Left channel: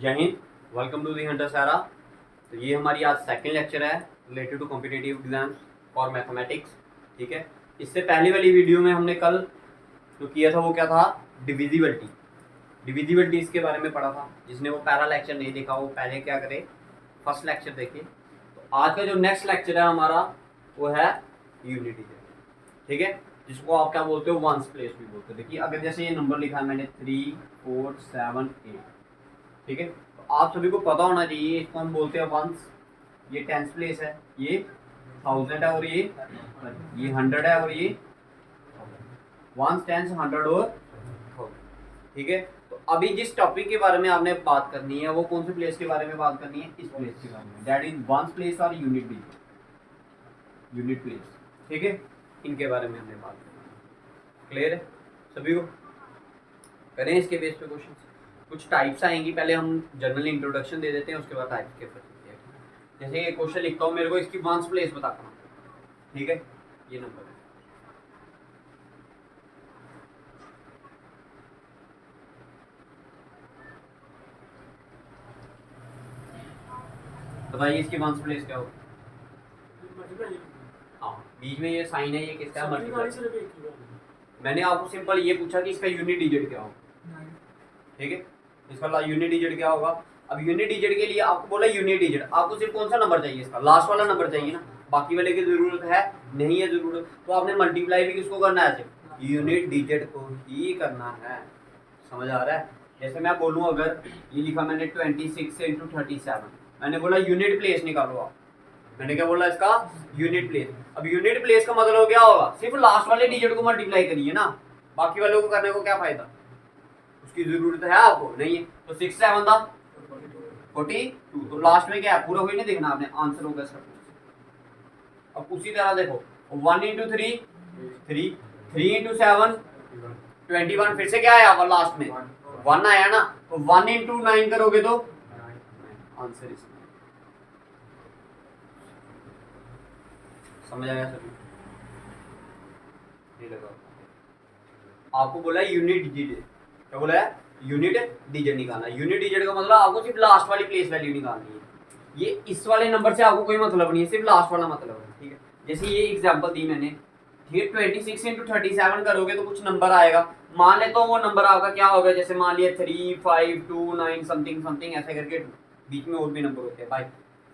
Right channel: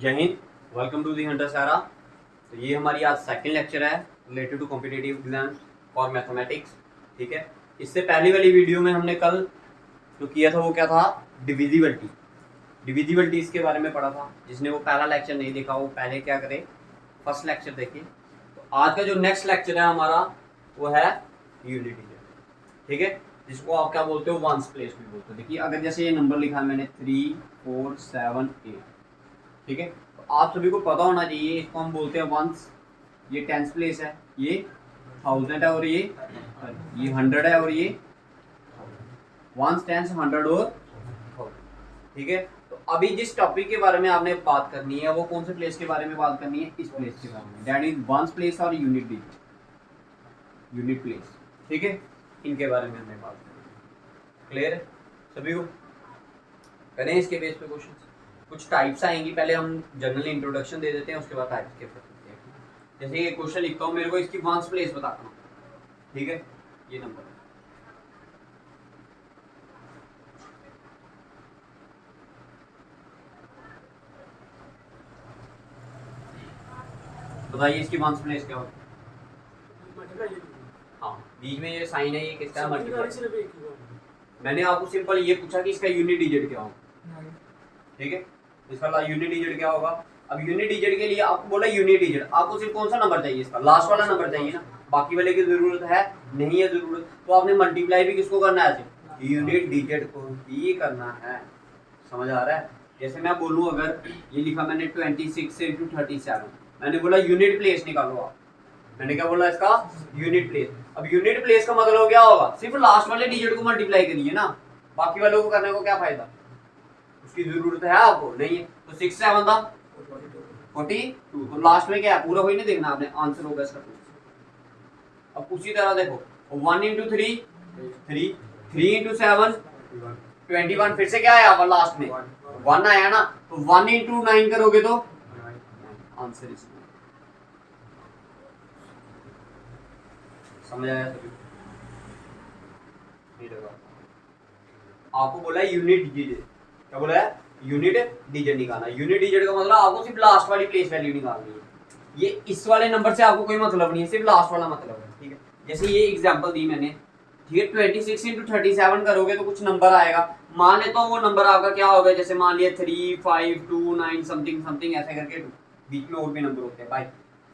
जय हिंद। Welcome to the Hunter Sara. तो ये हमारी आज सेकंड लेक्चर है रिलेटेड टू कॉम्पिटिटिव एग्जाम्स और मैथमेटिक्स। ठीक है, इससे पहली वाली वीडियो में हमने कल जो किया था वो क्या था, डिविजिबिलिटी। डिविजिबिलिटी इसके बारे में पढ़ा था। जिसने वो पहला लेक्चर नहीं देखा वो पहले क्या करे, फर्स्ट लेक्चर देखे। तो आज का जो नेक्स्ट लेक्चर है हमारा वो है यूनिट डिजिट। ठीक है, जिसको आप क्या बोलते हो, वंस प्लेस भी बोलते हो। देखिए अगर जैसे ये नंबर लिखा है मैंने 3 4 7 8, ठीक है, तो आप सभी को पता होना चाहिए इसको हम बोलते हैं वंस। ये टेंस प्लेस है, ये 1000 है और ये 100 है और ये वंस, टेंस, 100 और 1000। ठीक है, तो अभी जिस टॉपिक के बारे में आपने बात करनी है वो कौन से प्लेस के बारे में बात करनी है, इस प्लेस के बारे में, दैट इज वंस प्लेस और यूनिट डिजिट, यूनिट प्लेस। ठीक है, इनके बारे में हमने बात करनी। क्लियर है सभी को? करें इसके बेस पे क्वेश्चन। कुछ टाइप्स आएंगी, पहले हम जनरल इंट्रोडक्शन दे देते हैं, उसके बाद टाइप्स के करते हैं। जैसे ये क्वेश्चन लिखता हूँ, मेरे को इसकी वंस प्लेस बताता हूँ। ठीक है, ये नंबर बताइए, इसकी वंस प्लेस क्या होगी? हाँ, बीच में ये साइन है, ये किसका है? मल्टीप्लाई। मैंने आपको सिंपल ये पूछा कि इसका यूनिट डिजिट क्या होगा। ठीक है, इसका यूनिट डिजिट क्या होगा। अब यूनिट डिजिट के लिए आपको बोला यूनिट डिजिट, आपको सिर्फ कौन सा नंबर चाहिए? इसका लास्ट वाला नंबर चाहिए ना, बाकी वाले की जरूरत है नहीं है जरूरत। तो आपने मल्टीप्लाई भी किसको करना है? सिर्फ यूनिट डिजिट को ही करना है। समझ आ रहा है? जैसे मैं बोलूँ, अगर ये लिखा मैंने 26 इंटू 37, मैंने बोला यूनिट प्लेस निकालो आप। मैंने क्या बोला इसका? Unit place. अब यूनिट प्लेस का मतलब क्या होगा? सिर्फ लास्ट वाले डिजिट को मल्टीप्लाई करिए ना, बाकी वालों को करने को क्या फायदा? उसकी जरूरत है आपको नहीं है। तो 6 7 था 42, तो लास्ट में क्या है? पूरा वही नहीं देखना आपने, आंसर होगा इसका। अब उसी तरह देखो, 1 इंटू 3 3, 3 इंटू 7 21, फिर से क्या आया लास्ट में? 1 आया ना। तो 1 इंटू 9 करोगे तो आंसर इसमें। समझ आया सभी? आपको बोला यूनिट डिजिट, क्या बोला है? यूनिट डिजिट निकालना। यूनिट डिजिट का मतलब आपको सिर्फ लास्ट वाली प्लेस वैल्यू निकालनी है। ये इस वाले नंबर से आपको कोई मतलब नहीं है, सिर्फ लास्ट वाला मतलब है। ठीक है, जैसे ये एग्जांपल दी मैंने, ठीक है, 26 इंटू 37 करोगे तो कुछ नंबर आएगा। मान लेता हूँ वो नंबर आपका क्या होगा, जैसे मान लिया 3 5 2 9 समथिंग समथिंग ऐसे करके, बीच में और भी नंबर होते हैं भाई,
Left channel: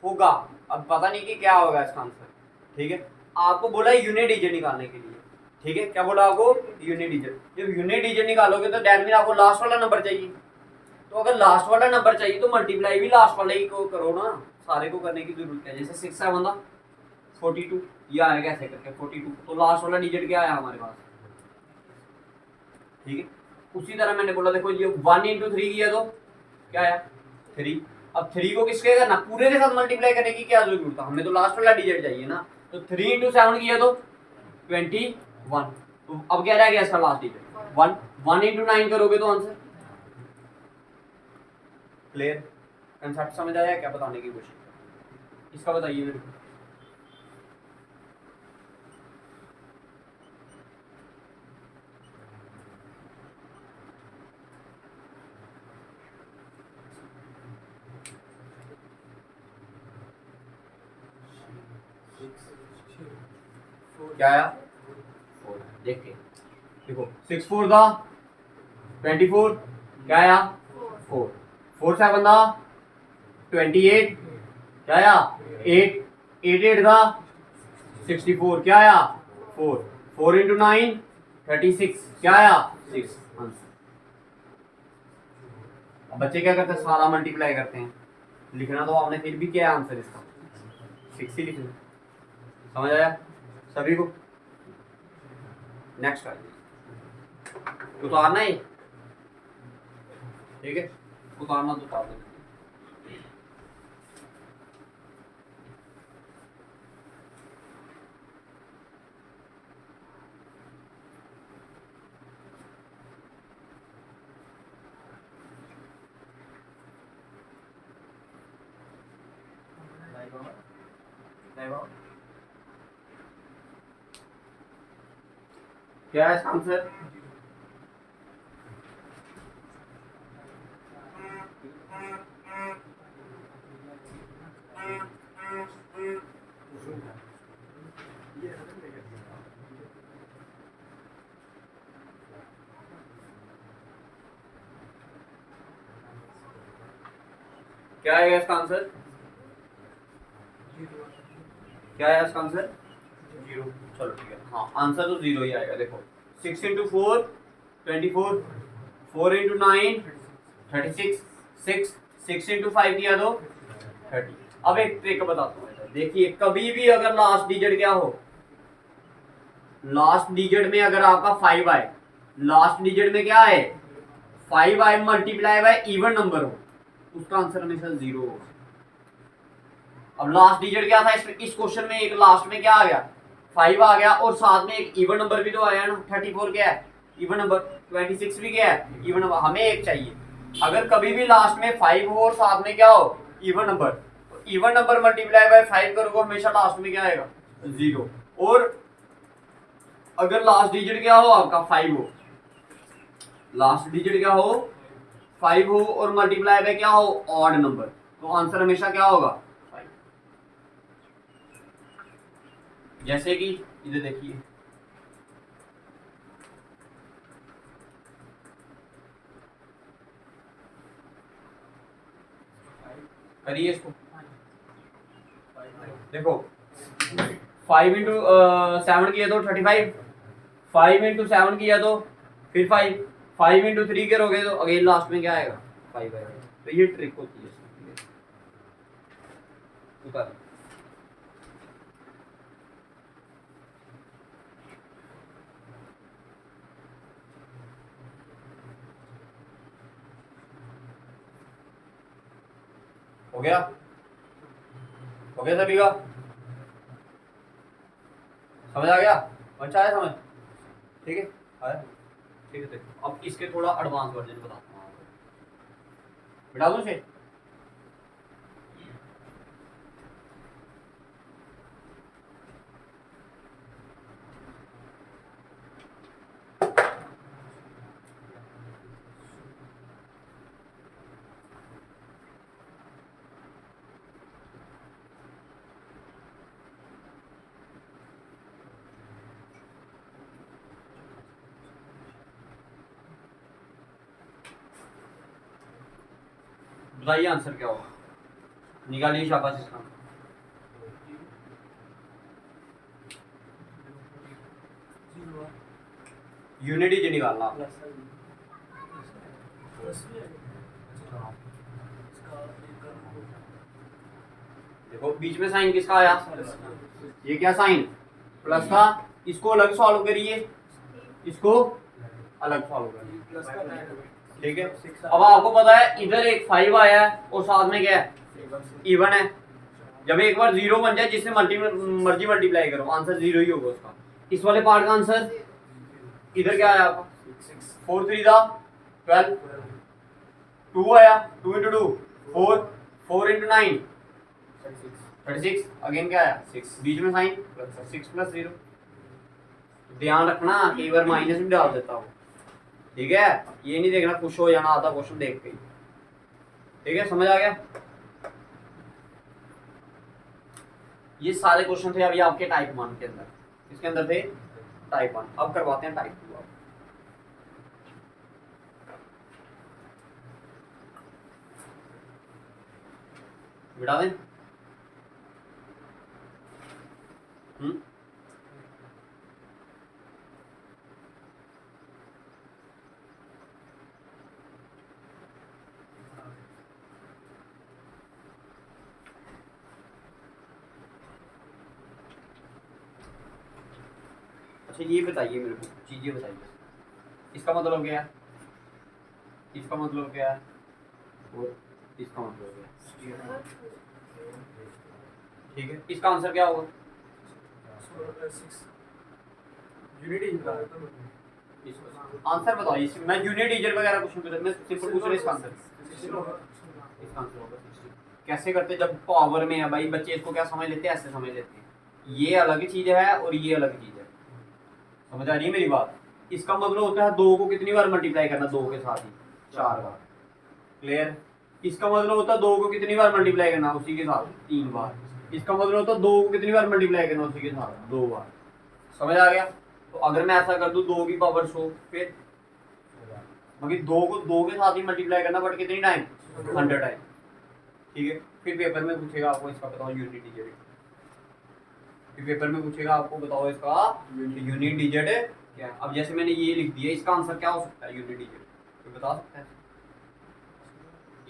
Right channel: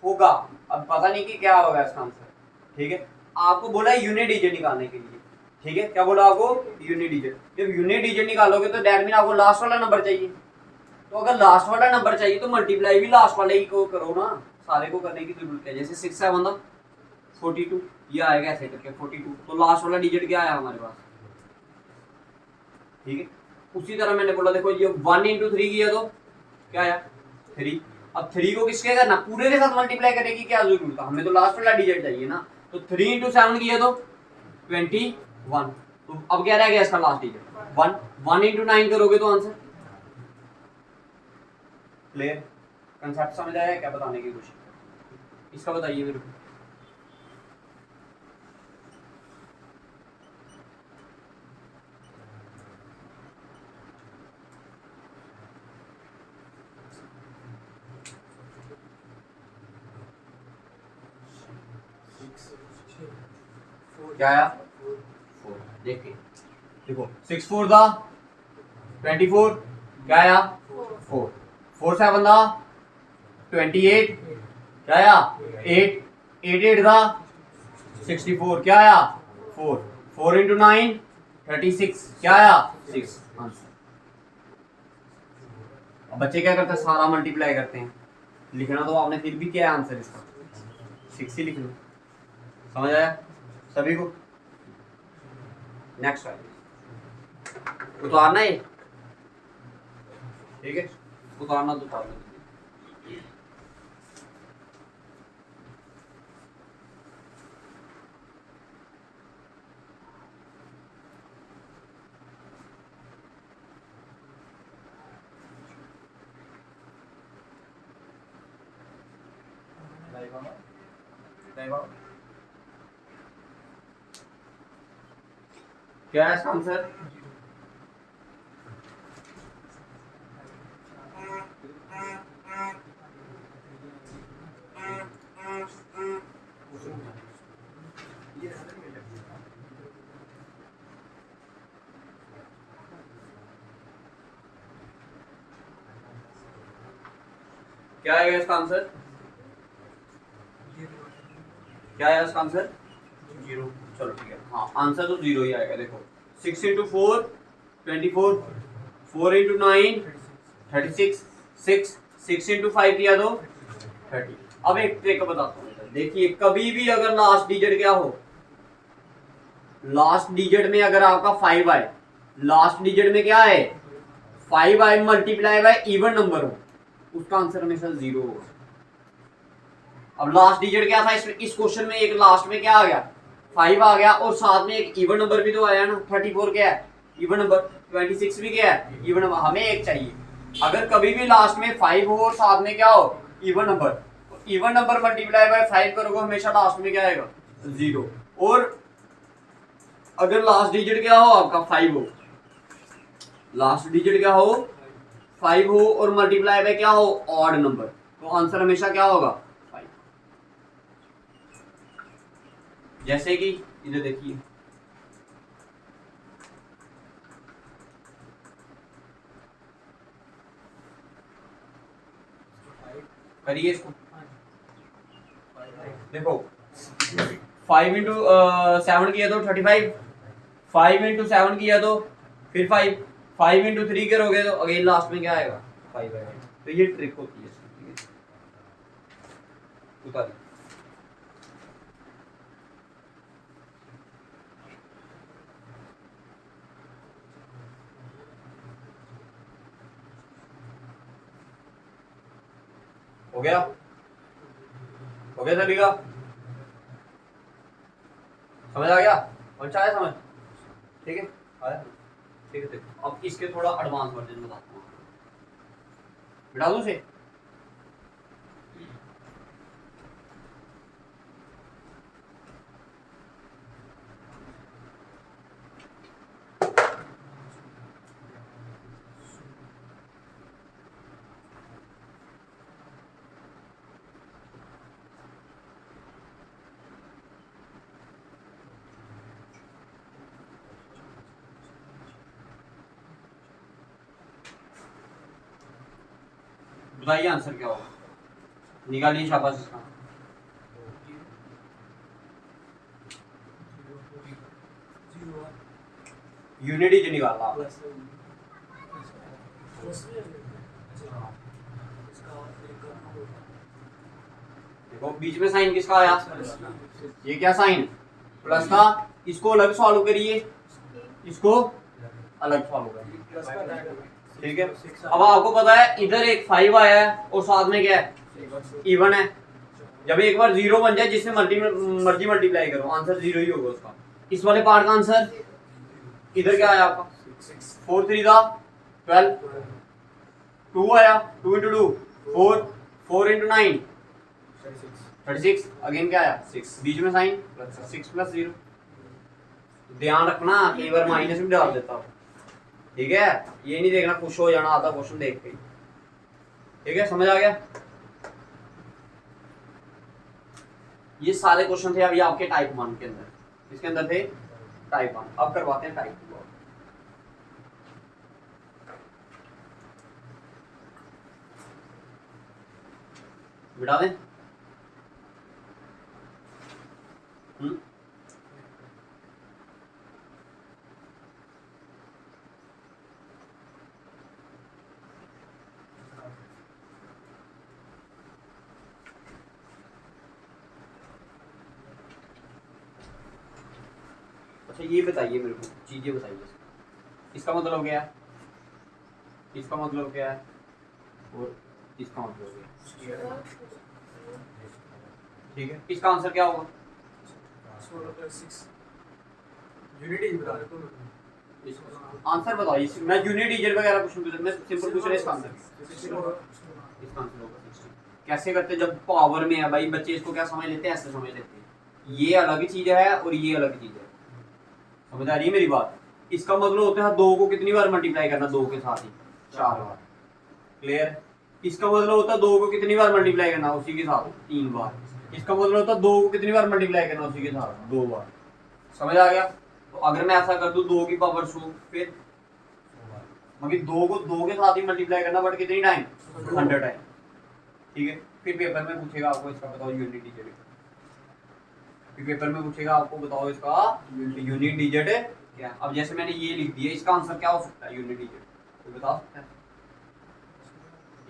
होगा। अब पता नहीं कि क्या होगा इसका आंसर। ठीक है, आपको बोला यूनिट डिजिट निकालने के लिए। ठीक है, क्या बोला आपको? Unit digit. जब यूनिट डिजिट निकालोगे तो दैट मीन आपको लास्ट वाला नंबर चाहिए। तो अगर लास्ट वाला नंबर चाहिए तो मल्टीप्लाई भी लास्ट वाले ही को करो ना, सारे को करने की जरूरत है। जैसे 6 7 था 42, ये आएगा ऐसे करके 42, तो लास्ट वाला डिजिट क्या आया हमारे पास? ठीक है, उसी तरह मैंने बोला, देखो ये 1 इंटू 3 किया तो क्या आया? 3। अब 3 को किसके करना? पूरे के साथ मल्टीप्लाई करने की क्या जरूरत है? हमें तो लास्ट वाला डिजिट चाहिए ना। तो 3 इंटू 7 किया तो 21। तो अब क्या रह गया इसका लास्ट डिजिट? 1। 1 इंटू 9 करोगे तो आंसर। क्लियर? कंसेप्ट समझ आया क्या बताने की कोशिश? इसका बताइए मेरे को। क्या आया? 4। देखिए, देखो 6 4 था 24, क्या आया? 4। 4 7 था 28, क्या आया? 8। 8 8 था 64, क्या आया? 4। 4 इंटू 9 36, क्या आया? 6 आंसर। अब बच्चे क्या करते हैं? सारा मल्टीप्लाई करते हैं। लिखना तो आपने फिर भी क्या है आंसर इसका? 6 ही लिखना। समझ आया सभी को? नेक्स्ट वाली उतारना है, ठीक है, उतारना तो उतार दो। क्या है इसका आंसर? क्या आएगा इसका आंसर? क्या आया इसका आंसर? 0। चलो ठीक है, हाँ आंसर तो 0 ही आएगा। देखो 6 इंटू 4 24, 4 इंटू 9 36, 6 इंटू 5 किया तो 30। अब एक ट्रिक बताता हूँ, देखिए कभी भी अगर लास्ट डिजिट क्या हो, लास्ट डिजिट में अगर आपका 5 आए, लास्ट डिजिट में क्या है 5 आए मल्टीप्लाई बाय इवन नंबर हो, उसका आंसर हमेशा 0 होगा। अब लास्ट डिजिट क्या था इस क्वेश्चन में, एक लास्ट में क्या आ गया 5 आ गया, और साथ में एक इवन नंबर भी तो आया ना, 34 क्या है इवन नंबर, 26 भी क्या है इवन नंबर, हमें एक चाहिए। अगर कभी भी लास्ट में 5 हो और साथ में क्या हो even number, even number multiply by 5 करोगे हमेशा लास्ट में क्या आएगा 0। और अगर लास्ट डिजिट क्या हो आपका 5 हो, लास्ट डिजिट क्या हो 5 हो और मल्टीप्लाई बाय क्या हो ऑड नंबर, तो आंसर हमेशा क्या होगा 5। जैसे कि इधर देखिए करिए इसको, देखो 5 इंटू 7 किया तो 35, 5 इंटू 7 किया तो फिर 5, 5 इंटू 3 करोगे तो अगेन लास्ट में क्या आएगा 5 आएगा। तो ये ट्रिक होती है इसकी, ठीक है उतार। हो गया, हो गया सभी का, समझ आ गया, अच्छा आया समझ, ठीक है आया, ठीक है। देखो अब इसके थोड़ा एडवांस वर्जन बताता हूँ आपको, बिठा दूं से। बताइए आंसर क्या होगा, निकालिए शाबाश इसका। यूनिटी जो निकालना आपने। देखो बीच में साइन किसका आया, ये क्या साइन प्लस था, इसको अलग सॉल्व करिए, इसको अलग सॉल्व करिए, ठीक है। अब आपको पता है इधर एक 5 आया है और साथ में क्या है इवन है, जब एक बार 0 बन जाए जिससे मर्जी मल्टीप्लाई करो आंसर 0 ही होगा उसका। इस वाले पार्ट का आंसर इधर क्या आया आपका 4 3 था 12, 2 आया 2 इंटू 2 4, 4 इंटू 9 36, अगेन क्या आया 6, बीच में साइन 6 प्लस 0। ध्यान रखना कई बार माइनस भी डाल देता हूँ, ठीक है, ये नहीं देखना खुश हो जाना आधा क्वेश्चन देख के, ठीक है समझ आ गया। ये सारे क्वेश्चन थे अभी आपके टाइप 1 के अंदर, इसके अंदर थे टाइप 1, अब करवाते हैं टाइप 2। बिठा दें, अच्छा ये बताइए मेरे को चीजें बताइए, इसका मतलब क्या है, इसका मतलब क्या है और इसका मतलब क्या है, ठीक है। इसका आंसर क्या होगा आंसर बताओ, मैं यूनिट डिजिट वगैरह कुछ नहीं पूछ, मैं सिंपल पूछ रहा हूं इसका आंसर, इसका आंसर होगा 60। कैसे करते जब पावर में है भाई बच्चे, इसको क्या समझ लेते हैं ऐसे समझ लेते हैं, ये अलग चीज है और ये अलग चीज है, समझ आ रही है मेरी बात। इसका मतलब होता है 2 को कितनी बार मल्टीप्लाई करना, 2 के साथ ही 4 बार, क्लियर। इसका मतलब होता है 2 को कितनी बार मल्टीप्लाई करना, उसी के साथ 3 बार। इसका मतलब होता है 2 को कितनी बार मल्टीप्लाई करना, उसी के साथ 2 बार, समझ आ गया। तो अगर मैं ऐसा कर दूं 2 की पावर 100, फिर मगर 2 को 2 के साथ ही मल्टीप्लाई करना, बट कितनी टाइम 100 टाइम, ठीक है। फिर पेपर में पूछेगा आपको इसका बताओ यूनिट डिजिट, फिर पेपर में पूछेगा आपको बताओ इसका यूनिट डिजिट क्या है। अब जैसे मैंने ये लिख दिया, इसका आंसर क्या हो सकता है यूनिट डिजिट, कोई बता सकता है?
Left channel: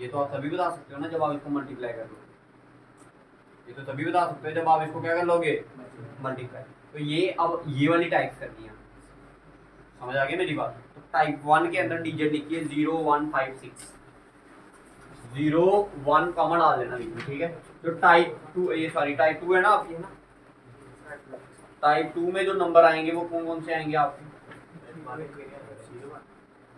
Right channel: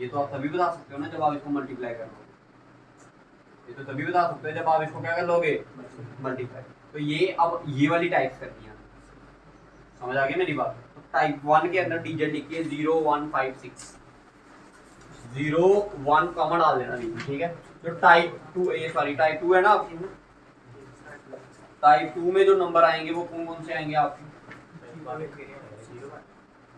ये तो आप तभी बता सकते हो ना जब आप इसको मल्टीप्लाई कर लोगे, ये तो तभी बता सकते हो जब आप इसको क्या कर लोगे मल्टीप्लाई। तो ये अब ये वाली टाइप्स करती है, समझ आ गई मेरी बात। तो टाइप 1 के अंदर डिजिट लिखिए 0 1 5 6, 0 1 कॉमन डाल देना देखिए, ठीक है। जो टाइप 2 ये सॉरी टाइप 2 है ना आपकी, है ना, टाइप 2 में जो नंबर आएंगे वो कौन कौन से आएंगे आपके?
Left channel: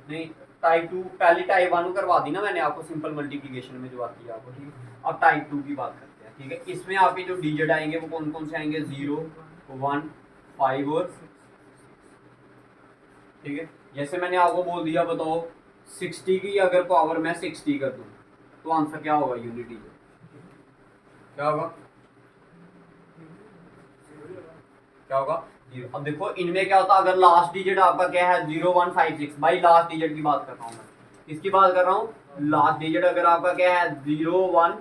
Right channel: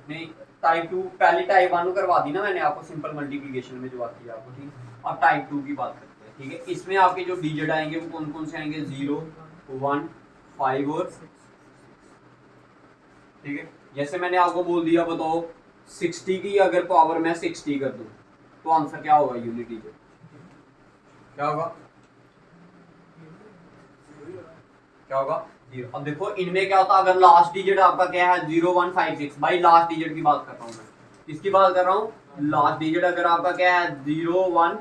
नहीं, टाइप 2 पहली टाइप 1 करवा दी ना मैंने आपको सिंपल मल्टीप्लिकेशन में जो आती है आपको, ठीक है। अब टाइप 2 की बात करते हैं, ठीक है। इसमें आपके जो डिजिट आएंगे वो कौन कौन से आएंगे? 0 1 5 और, ठीक है। जैसे मैंने आपको बोल दिया बताओ 60 की अगर पावर मैं 60 कर दूं तो आंसर क्या होगा यूनिट डिजिट, क्या होगा? क्या होगा? 0। अब देखो इनमें क्या होता है, अगर लास्ट डिजिट आपका क्या है 0 1 5 6, भाई लास्ट डिजिट की बात कर रहा हूँ मैं, किसकी बात कर रहा हूँ? लास्ट डिजिट अगर आपका क्या है 0 1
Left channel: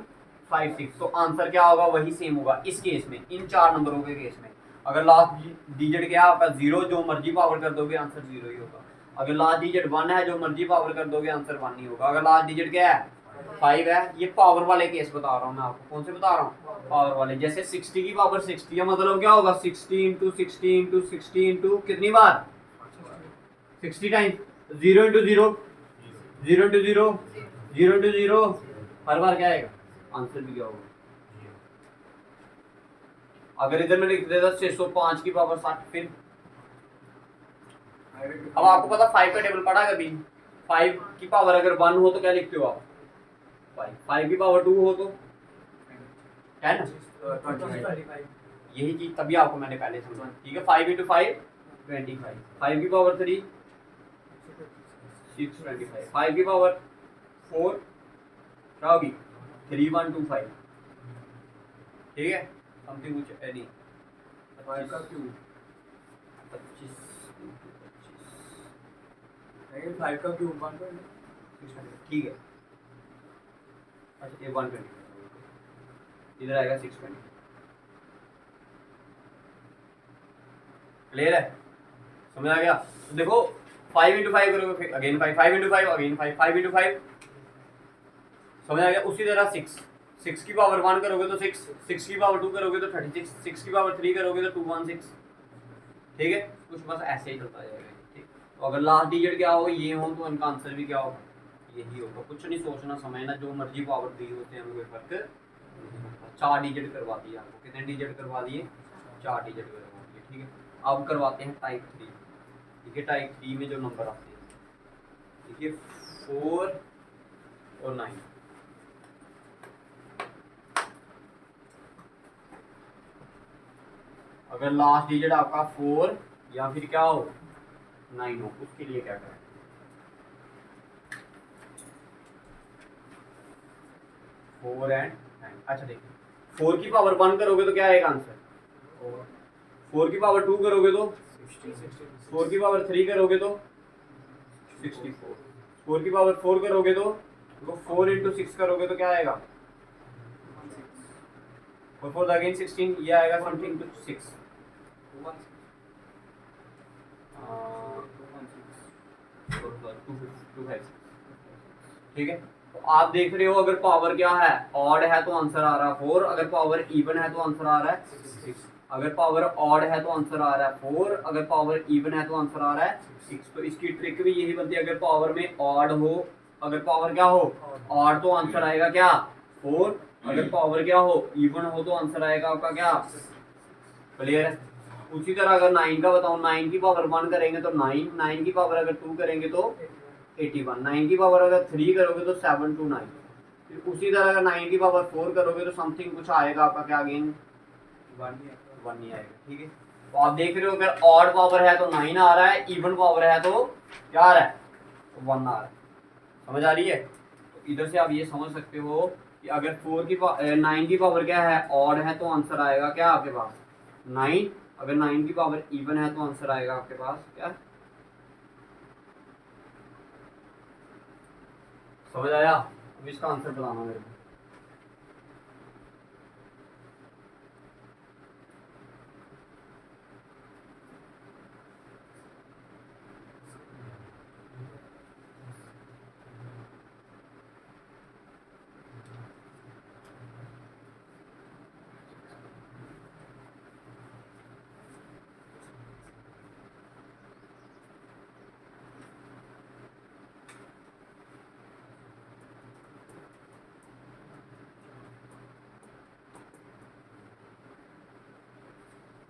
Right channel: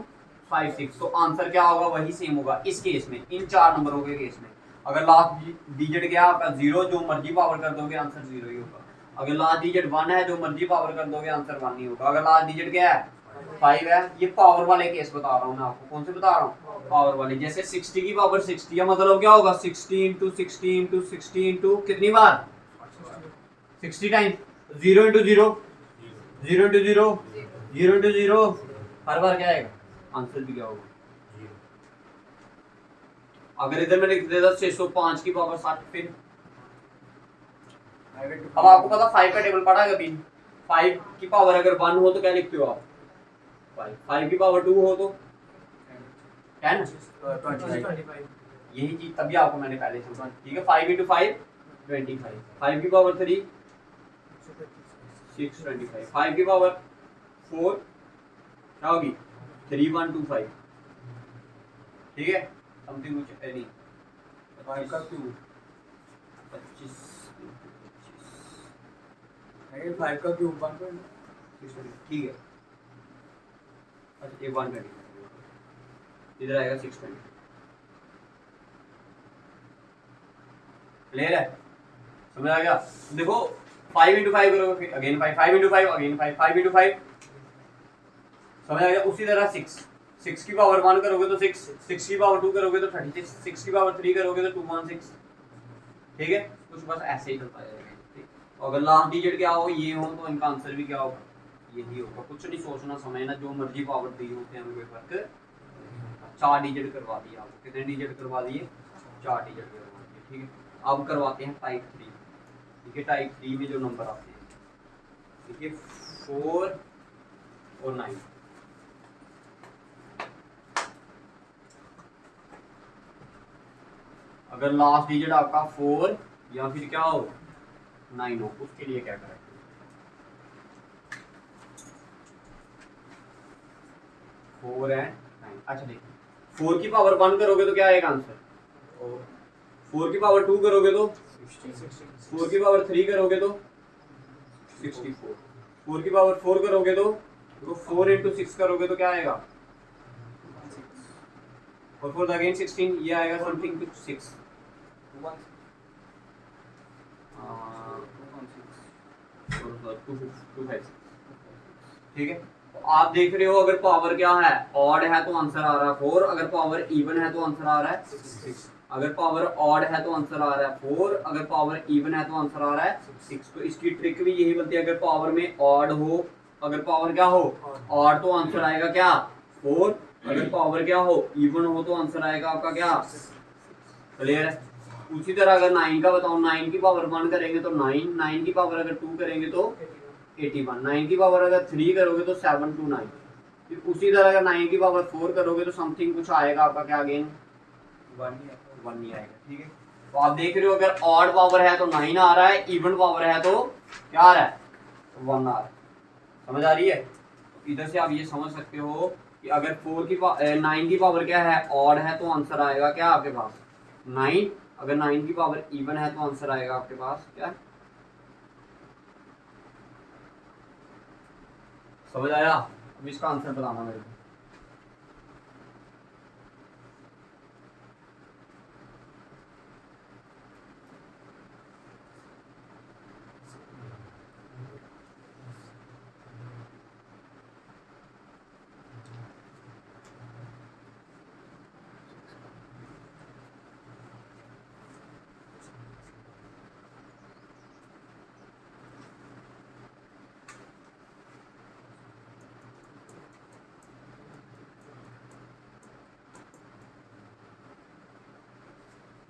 5 6, तो आंसर क्या होगा? वही सेम होगा इस केस में, इन 4 नंबरों के केस में। अगर लास्ट डिजिट क्या है आपका 0, जो मर्जी पावर कर दोगे आंसर 0 ही होगा। अगर लास्ट डिजिट 1 है, जो मर्जी पावर कर दोगे आंसर 1 ही होगा। अगर लास्ट डिजिट क्या है 5 है, ये पावर वाले केस बता रहा हूँ मैं आपको। कौन से बता रहा हूँ? पावर वाले। जैसे 60 की पावर 60 है, मतलब क्या होगा 60 इंटू 60 इंटू 60 इंटू कितनी बार? 60 टाइम्स। 0 इंटू 0, 0 इंटू 0, 0 इंटू 0, हर बार क्या आएगा? आंसर भी क्या होगा? अगर इधर मैंने लिख दिया था 605 की पावर 60, फिर अब आपको पता 5 का टेबल पढ़ा कभी? 5 की पावर अगर 1 हो तो क्या लिखते हो आप? 5 की पावर 2 हो तो 10, यही चीज तभी आपको मैंने पहले से, ठीक है। 5 इंटू 5 25, 5 की पावर 3 625, 5 की पावर 4 क्या होगी? 3125, ठीक है। समथिंग कुछ नहीं, 5 का क्यूब 25, 5 का क्यूब 1, ठीक है। अच्छा ये 120 इधर आएगा 620, क्लियर है? समझ आ गया? देखो 5 इंटू 5 करोगे फिर अगेन 5, 5 इंटू 5 अगेन 5, 5 इंटू 5, समझ आ गया? उसी तरह 6 की पावर 1 करोगे तो 6, 6 की पावर 2 करोगे तो 36, 6 की पावर 3 करोगे तो 216, ठीक है। कुछ बस ऐसे ही चलता जाएगा, ठीक। और अगर लास्ट डिजिट क्या हो ये हो तो इनका आंसर भी क्या होगा? यही होगा। कुछ नहीं सोचना समझना, जो मर्जी पावर दी होते हैं उनके फर्क। 4 डिजिट करवा दिए आपको, कितने डिजिट करवा दिए? 4 डिजिट करवा दिए, ठीक है। अब करवाते हैं टाइप 3, ठीक है। टाइप 3 में जो नंबर आते हैं, देखिए 4 और 9, अगर लास्ट डिजिट आपका 4 या फिर क्या हो 9 हो, उसके लिए क्या करें? 4 एंड 9, अच्छा देखिए 4 की पावर 1 करोगे तो क्या आएगा आंसर? 4 की पावर 2 करोगे तो 4 की पावर 3 करोगे तो 64, 4 की पावर 4 करोगे तो 4 इंटू 6 करोगे तो क्या आएगा? और 4 अगेन 16, ये आएगा समथिंग टू 6, ठीक है। तो आप देख रहे हो अगर पावर क्या है ऑड है तो आंसर आ रहा है 4, अगर पावर इवन है तो आंसर आ रहा है 6, अगर पावर ऑड है तो आंसर आ रहा है 4, अगर पावर इवन है तो आंसर आ रहा है 6। तो इसकी ट्रिक भी यही बनती है, अगर पावर में ऑड हो, अगर पावर क्या हो ऑड तो आंसर आएगा क्या 4, अगर पावर क्या हो इवन हो तो आंसर आएगा आपका क्या? क्लियर है? उसी तरह अगर 9 का बताओ, 9 की पावर 1 करेंगे तो 9, 9 की पावर अगर 2 करेंगे तो 81, 9 की पावर अगर 3 करोगे तो 729, फिर उसी तरह अगर 9 की पावर 4 करोगे तो समथिंग कुछ आएगा आपका क्या अगेन 1 ही आएगा, ठीक है। तो आप देख रहे हो अगर ऑड पावर है तो 9 आ रहा है, इवन पावर है तो क्या आ रहा है? 1 आ रहा है। समझ आ रही है? तो इधर से आप ये समझ सकते हो कि अगर 9 की पावर क्या है ऑड है तो आंसर आएगा क्या आपके पास 9, अगर 9 की पावर इवन है तो आंसर आएगा आपके पास क्या? समझ आया? अब इसका आंसर बताना मेरे को।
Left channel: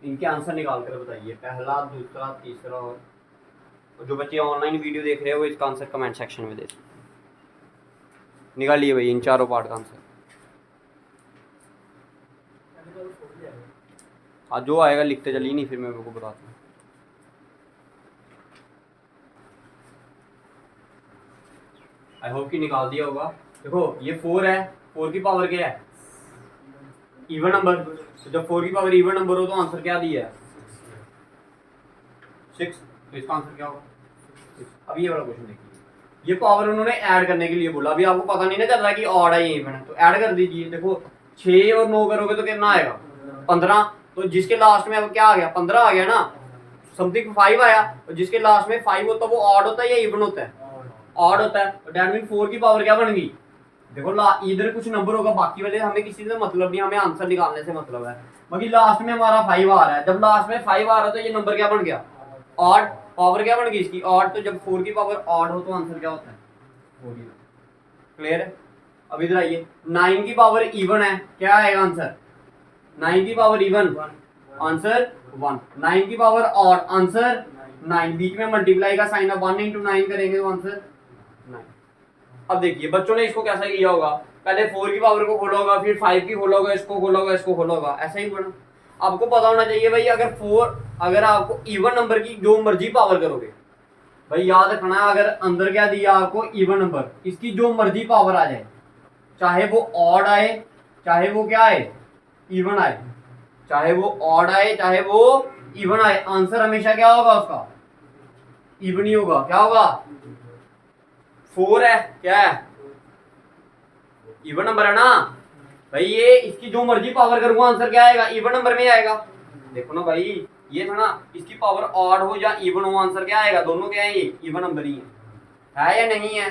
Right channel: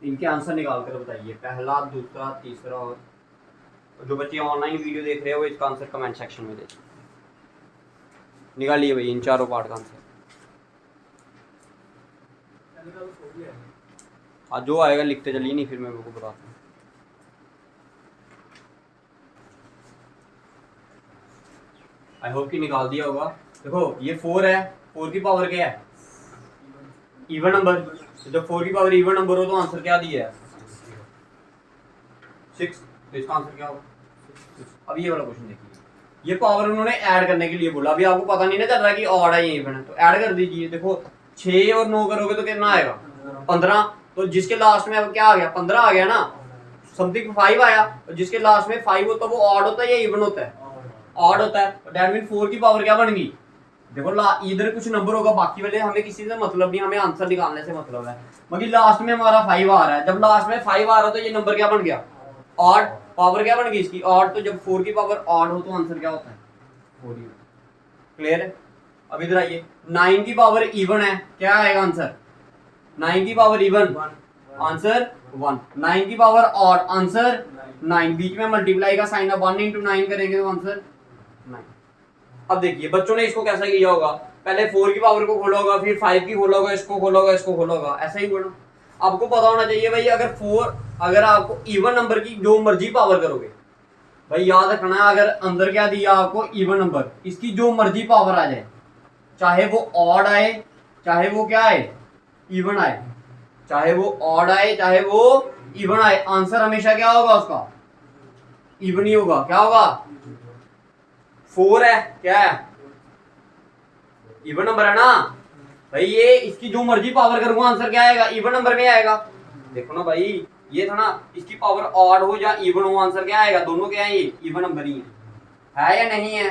इनके आंसर निकाल कर बताइए, पहला, दूसरा, तीसरा। और जो बच्चे ऑनलाइन वीडियो देख रहे हैं वो इसका आंसर कमेंट सेक्शन में दे सकते। निकालिए भाई इन चारों पार्ट का आंसर। हाँ जो आएगा लिखते चलिए, नहीं फिर मैं आपको बताता हूँ। आई होप कि निकाल दिया होगा। देखो ये 4 है, 4 की पावर क्या है? Even number. तो जब 4 की पावर इवन नंबर हो तो आंसर क्या दिया है? 6। तो इसका आंसर क्या होगा? अब ये वाला क्वेश्चन देखिए, ये पावर उन्होंने ऐड करने के लिए बोला। अभी आपको पता नहीं ना चल रहा है कि ऑड है ये इवन है, तो ऐड कर दीजिए। देखो 6 और 9 करोगे तो कितना आएगा? 15। तो जिसके लास्ट में अब क्या आ गया? 15 आ गया ना, समथिंग 5 आया। और जिसके लास्ट में 5 होता है वो ऑड होता है या इवन होता है? ऑड होता है। दैट मीन 4 की पावर क्या बन गई? देखो इधर कुछ नंबर होगा, बाकी वाले हमें किसी से मतलब नहीं, हमें आंसर निकालने से मतलब है। बाकी लास्ट में हमारा 5 आ रहा है, जब लास्ट में 5 आ रहा है तो ये नंबर क्या बन गया? ऑड। पावर क्या बन गई इसकी? ऑड। तो जब 4 की पावर ऑड हो तो आंसर क्या होता है? 4 ही। क्लियर है? अब इधर आइए, 9 की पावर इवन है, क्या आएगा आंसर? 9 की पावर इवन, आंसर 1। 9 की पावर ऑड, आंसर 9। बीच में मल्टीप्लाई का साइन है, 1 into 9 करेंगे तो आंसर 9। अब देखिए बच्चों ने इसको कैसा किया होगा, पहले 4 की पावर को खोला होगा, फिर 5 की खोला होगा, इसको खोला होगा, इसको खोला होगा, ऐसा ही बोला। आपको पता होना चाहिए भाई, अगर आपको इवन नंबर की जो मर्जी पावर करोगे, भाई याद रखना है, अगर अंदर क्या दिया आपको? इवन नंबर, इसकी जो मर्जी पावर आ जाए, चाहे वो ऑड आए, चाहे वो क्या आए? इवन आए। चाहे वो ऑड आए, चाहे वो इवन आए, आंसर हमेशा क्या होगा उसका? इवन ही होगा। क्या होगा? 4 है, क्या है? इवन नंबर है ना भाई। ये इसकी जो मर्जी पावर करूंगा, आंसर क्या आएगा? इवन नंबर में आएगा। देखो ना भाई, ये था ना, इसकी पावर ऑड हो या इवन हो, आंसर क्या आएगा? दोनों क्या है? ये इवन नंबर ही है या नहीं है?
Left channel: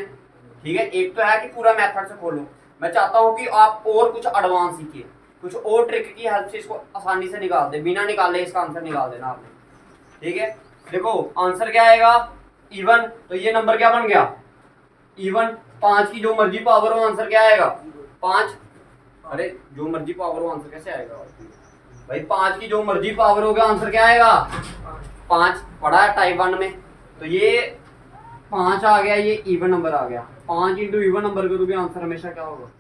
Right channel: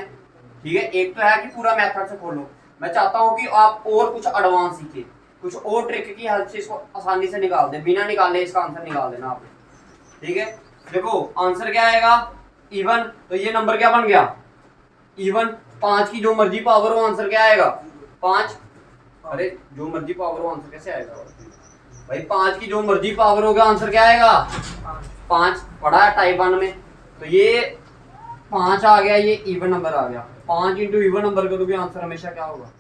ठीक है, एक तो है कि पूरा मेथड से खोलो। मैं चाहता हूं कि आप और कुछ एडवांस सीखिए, कुछ और ट्रिक की हेल्प से इसको आसानी से निकाल दे, बिना निकाले इसका आंसर निकाल देना आपने। ठीक है, देखो आंसर क्या आएगा? इवन। तो ये नंबर क्या बन गया? इवन। 5 की जो मर्जी पावर हो, आंसर क्या आएगा? 5। अरे जो मर्जी पावर हो, आंसर कैसे आएगा भाई? 5 की जो मर्जी पावर होगा, आंसर क्या आएगा? 5। पढ़ा है टाइप 1 में। तो ये 5 आ गया, ये इवन नंबर आ गया। 5 इंटू इवन नंबर करोगे, आंसर हमेशा क्या होगा?